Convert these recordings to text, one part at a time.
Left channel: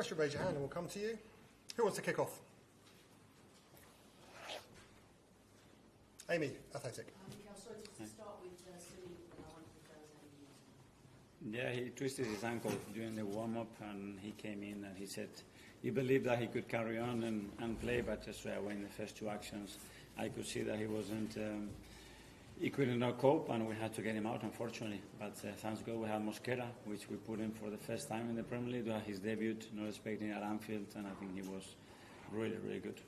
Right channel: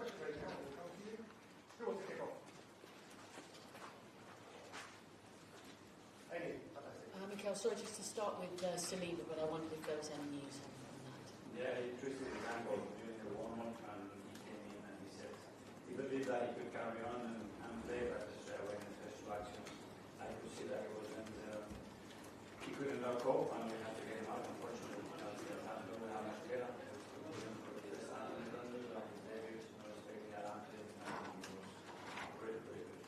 question, raise your hand and we'll come to you. Who wants to kick off? Amy, Athletic. Mikel, sorry, just to start with Saliba, but I wondered if there was any news on that. Yeah, he twisted his ankle during the warm-up and he came in and he said he believed that he could carry on and play, but straight away in the first two actions I could see that he wasn't, he could not cope and we had to get him out, unfortunately. But thanks God we have Mosquera, which we put in for the first time in the Premier League, his debut, not expecting at Anfield, and I think he was really, really good.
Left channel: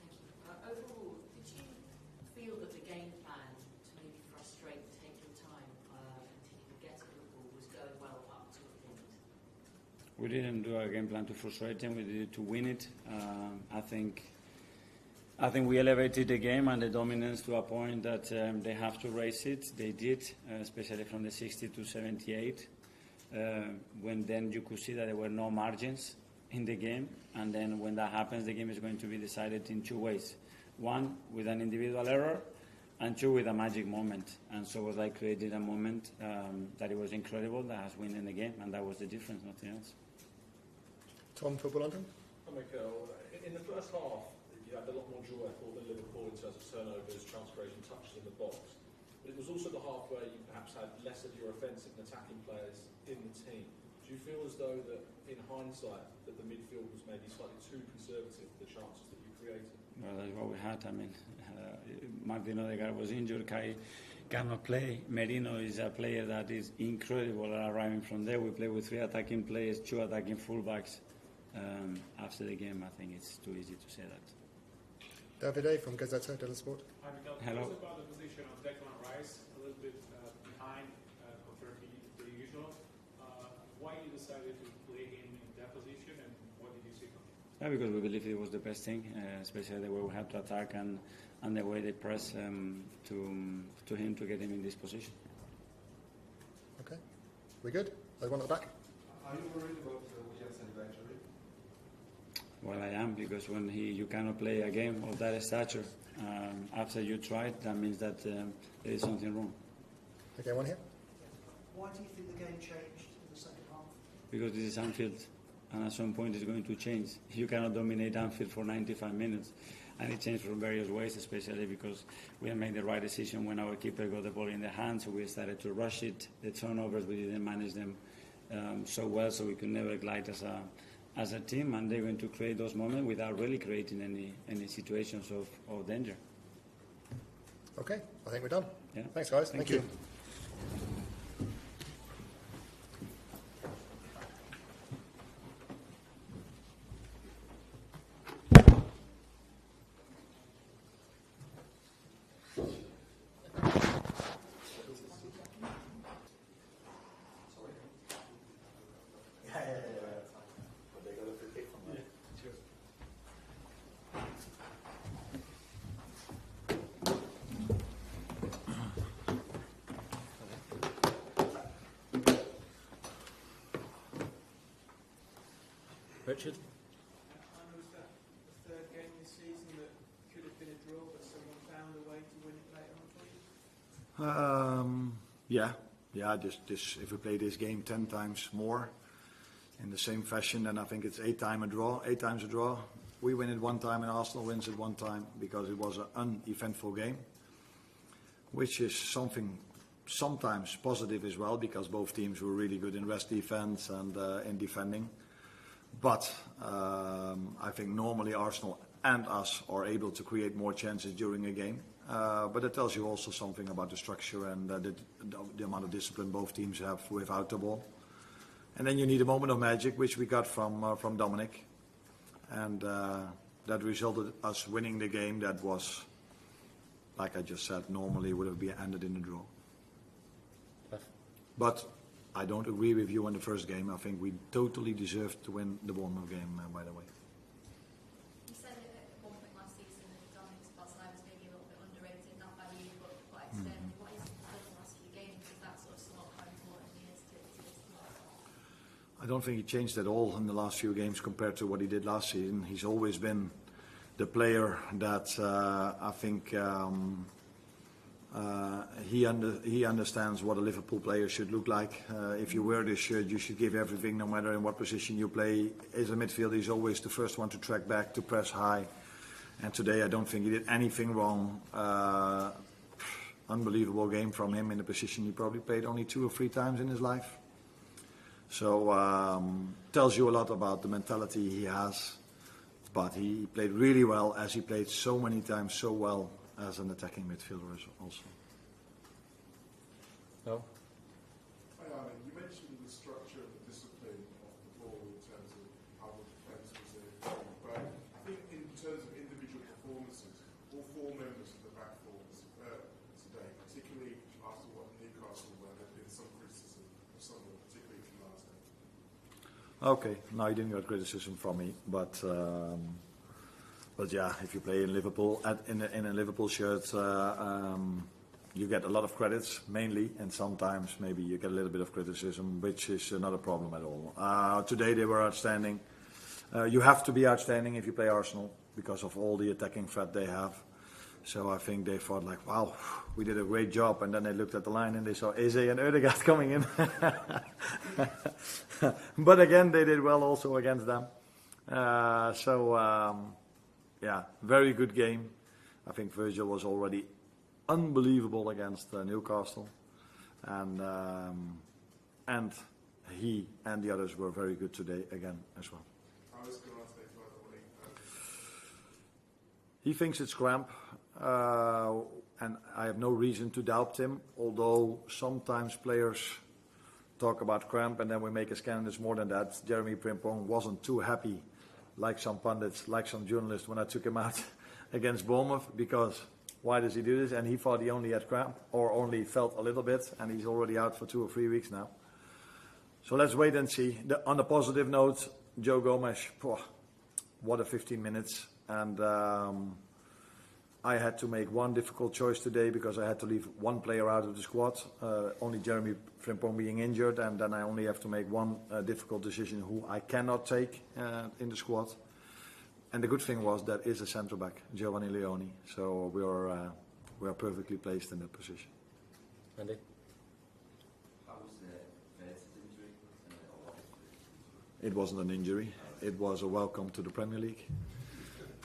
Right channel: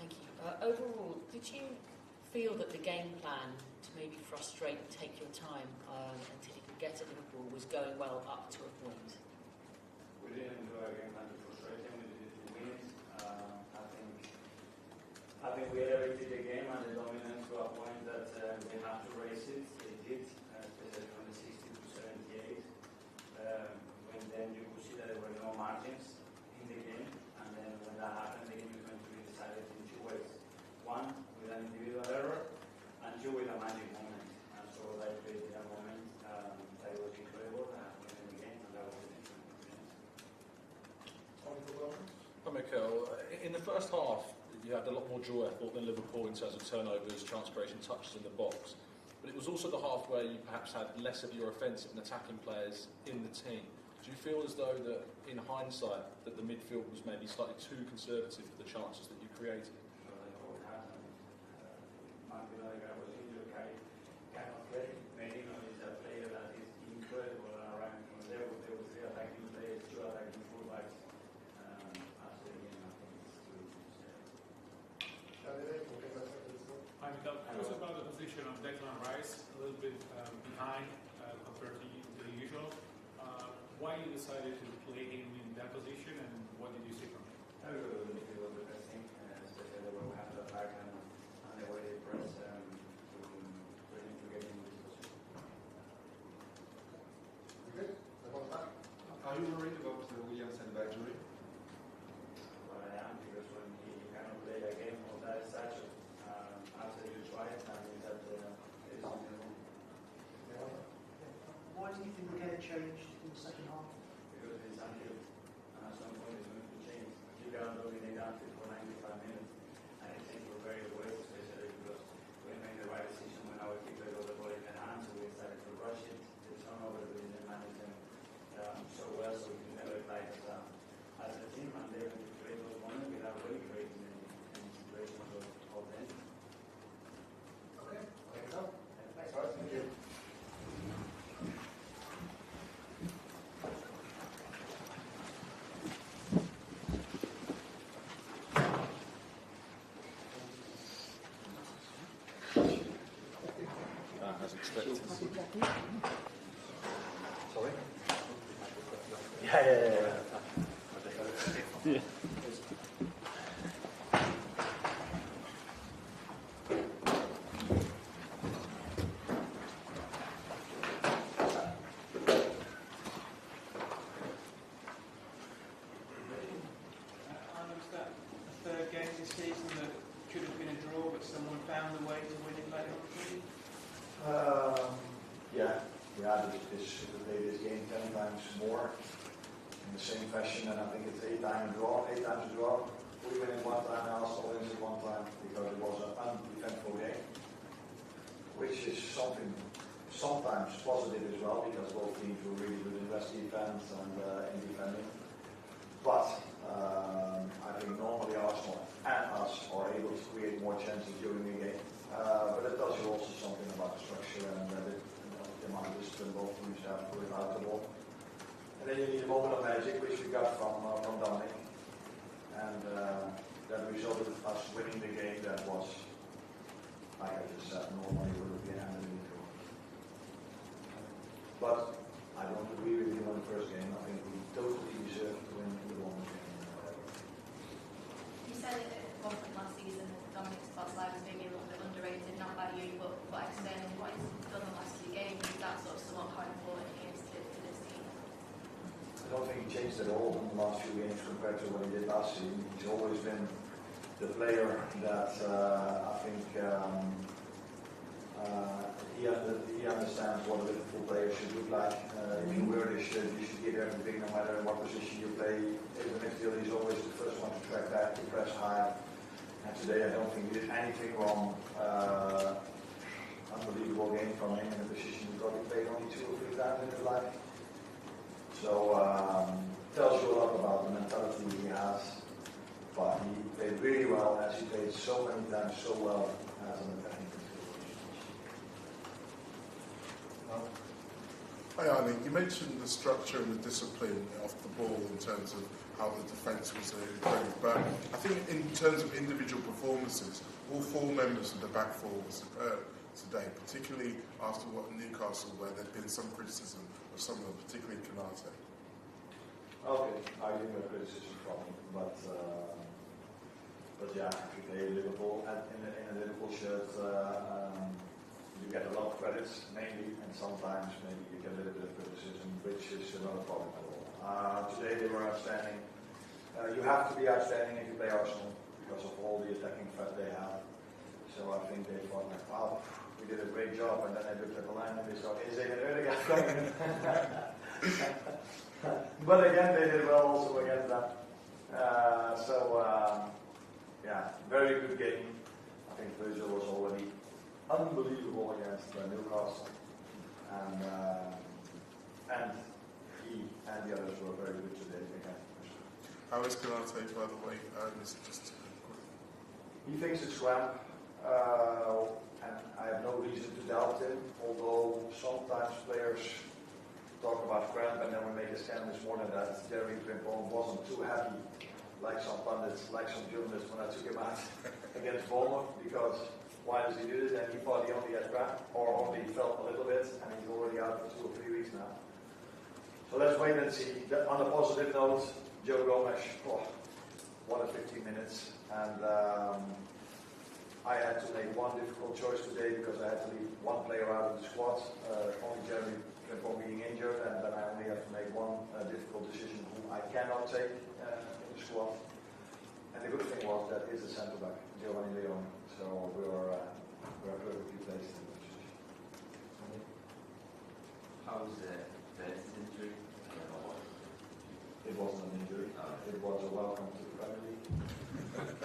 Thank you. Overall, did you feel that the game plan to maybe frustrate and take your time until you could get to Liverpool was going well up to a point? We didn't do a game plan to frustrate them, we did it to win it. I think we elevated the game and the dominance to a point that they have to raise it. They did, especially from the 60 to 78, when then you could see that there were no margins in the game. And then when that happens, the game is going to be decided in two ways. One, with an individual error, and two, with a magic moment. And so I created a moment that it was incredible, that has won in the game, and that was the difference, nothing else. Tom, Football London. Hi, Mikel. In the first half, you had a lot more joy, I thought, than Liverpool in terms of turnovers, chance creation, touches in the box. But it was also the half where you perhaps had less of your offensive and attacking players in the team. Do you feel as though that, in hindsight, that the midfield was maybe slightly too conservative for the chances that you created? Well, that's what we had. I mean, Martin Odegaard was injured. Kai cannot play. Merino is a player that is incredible arriving from there. We play with 3 attacking players, 2 attacking fullbacks. After the game, I think it's too easy to say that. Davide from Gazzetta dello Sport. Hi, Mikel. Hello. It's about the position of Declan Rice, a little bit behind compared to the usual. Why you decided to play him in that position, and what did you see from him? Yeah, because we believe it was the best thing, especially the way we have to attack and the way they press to him to get him in this position. Okay, we good? There's one at the back. Are you worried about Williams and injury? Well, I am, because when you cannot play a game of that stature after you tried, that means that there is something wrong. Okay, one here. Why do you think the game changed in the second half? Because this is Anfield, and at some point it's going to change. You cannot dominate Anfield for 95 minutes, and it changed from various ways, especially because we had made the right decision when our keeper got the ball in the hands, so we started to rush it. The turnovers, we didn't manage them so well, so we could never glide as a team, and they're going to create those moments without really creating any situations of danger. Okay, I think we're done. Yeah. Thanks, guys. Thank you. Richard? Arne, was that the third game this season that should have been a draw, but someone found a way to win it later on for you? If we play this game 10 times more in the same fashion, then I think it's 8 times a draw. We win it 1 time and Arsenal wins it 1 time, because it was an uneventful game, which is something sometimes positive as well, because both teams were really good in rest defense and in defending. But I think normally Arsenal and us are able to create more chances during a game. But it tells you also something about the structure and the amount of discipline both teams have without the ball. And then you need a moment of magic, which we got from Dominic. And that resulted in us winning the game that was, like I just said, normally would have been ended in a draw. But I don't agree with you on the first game. I think we totally deserved to win the warm-up game, by the way. You said at one point last season that Dominic's past life was maybe a little bit underrated, not by you, but externally. What he's done the last few games, is that sort of somewhat how important he is to this team? I don't think he changed at all in the last few games compared to what he did last season. He's always been the player that I think He understands what a Liverpool player should look like. If you wear this shirt, you should give everything, no matter in what position you play. As a midfielder, he's always the first one to track back, to press high. And today, I don't think he did anything wrong. Unbelievable game from him in a position he probably played only 2 or 3 times in his life. So tells you a lot about the mentality he has. But he played really well, as he played so many times so well as an attacking midfielder also. No? Hi Arne, you mentioned the structure and the discipline off the ball in terms of how the defence was improved, but I think in terms of individual performances, all 4 members of the back four were superb today, particularly after what Newcastle, where there'd been some criticism of some of them, particularly Canate. Okay, no, you didn't get criticism from me, but yeah, if you play in Liverpool in a Liverpool shirt, you get a lot of credits mainly, and sometimes maybe you get a little bit of criticism, which is not a problem at all. Today they were outstanding. You have to be outstanding if you play Arsenal because of all the attacking threat they have. So I think they thought like, wow, we did a great job, and then they looked at the line and they saw Eze and Ødegaard coming in. But again, they did well also against them. Yeah, very good game. I think Virgil was already unbelievable against Newcastle, and he and the others were very good today again as well. How is Canate, by the way? He thinks it's cramp, and I have no reason to doubt him, although sometimes players talk about cramp and then we make a scan. There's more than that. Jeremy Frimpong wasn't too happy, like some pundits, like some journalists, when I took him out against Bournemouth, because why does he do this? And he thought he only had cramp, or only felt a little bit, and he's already out for 2 or 3 weeks now. So let's wait and see. On a positive note, Joe Gomez, what a 15 minutes. And I had to make one difficult choice today because I had to leave one player out of the squad, only Jeremy Frimpong being injured, and then I only have to make one difficult decision who I cannot take in the squad. And the good thing was that is a centre back, Giovanni Leoni. So we are perfectly placed in that position. Andy? How's Versus injury? It wasn't an injury. It was a welcome to the Premier League.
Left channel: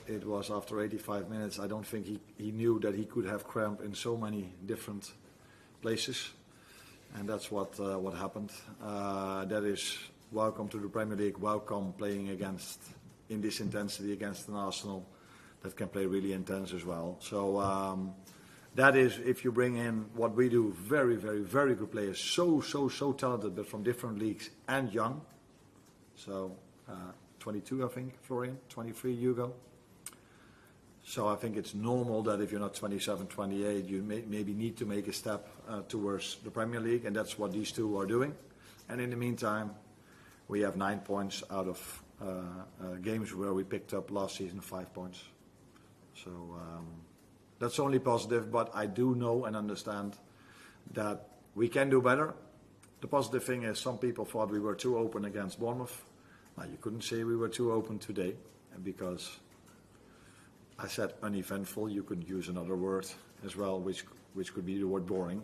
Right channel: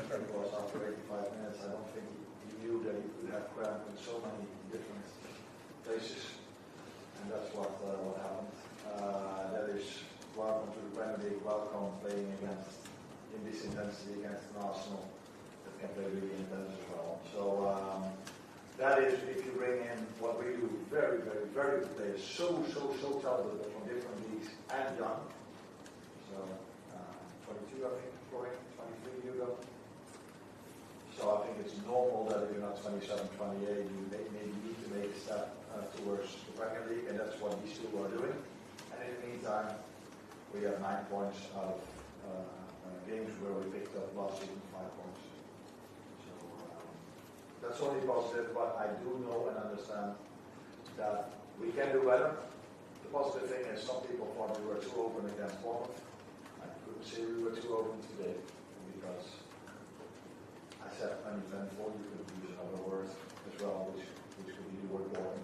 It was after 85 minutes. I don't think he knew that he could have cramp in so many different places, and that's what happened. That is welcome to the Premier League. Welcome playing in this intensity against an Arsenal that can play really intense as well. So that is, if you bring in what we do, very, very, very good players, so talented, but from different leagues and young. So 22, I think, Florian, 23, Hugo. So I think it's normal that if you're not 27, 28, you maybe need to make a step towards the Premier League, and that's what these two are doing. And in the meantime, we have 9 points out of games where we picked up last season 5 points. So that's only positive, but I do know and understand that we can do better. The positive thing is some people thought we were too open against Bournemouth. You couldn't say we were too open today, because I said uneventful. You could use another word as well, which could be the word boring,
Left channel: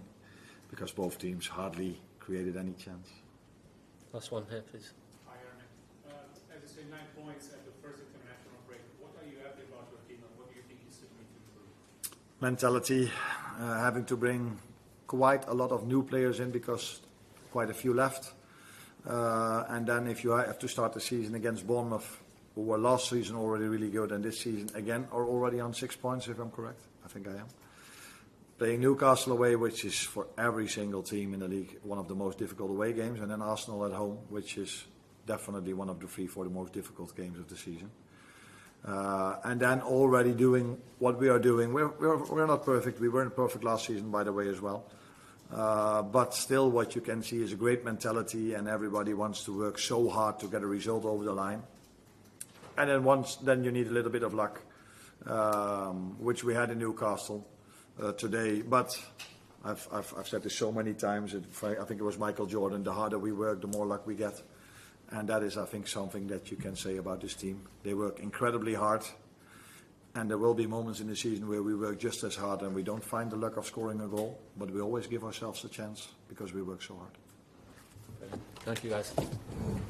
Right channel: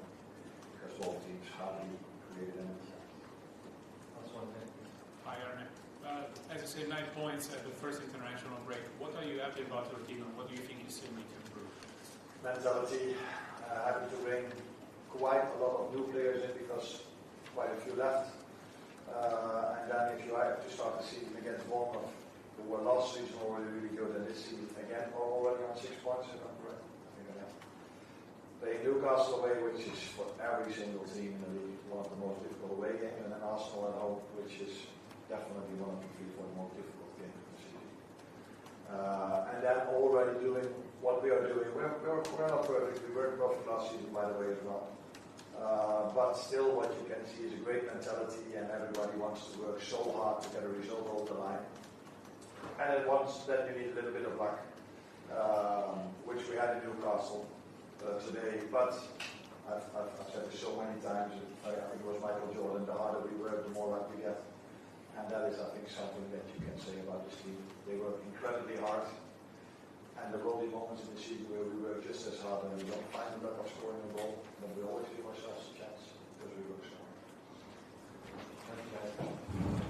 because both teams hardly created any chance. Last one here, please. Hi, Arne. As you say, 9 points at the first international break. What are you happy about your team, and what do you think you still need to improve? Mentality, having to bring quite a lot of new players in, because quite a few left. And then if you have to start the season against Bournemouth, who were last season already really good, and this season again are already on 6 points, if I'm correct. I think I am. Playing Newcastle away, which is for every single team in the league one of the most difficult away games, and then Arsenal at home, which is definitely one of the 3-4 most difficult games of the season. And then already doing what we are doing. We're not perfect. We weren't perfect last season, by the way, as well. But still, what you can see is a great mentality, and everybody wants to work so hard to get a result over the line. And then you need a little bit of luck, which we had in Newcastle today. But I've said this so many times. I think it was Michael Jordan. The harder we work, the more luck we get. And that is, I think, something that you can say about this team. They work incredibly hard. And there will be moments in the season where we work just as hard and we don't find the luck of scoring a goal, but we always give ourselves a chance because we work so hard. Thank you, guys.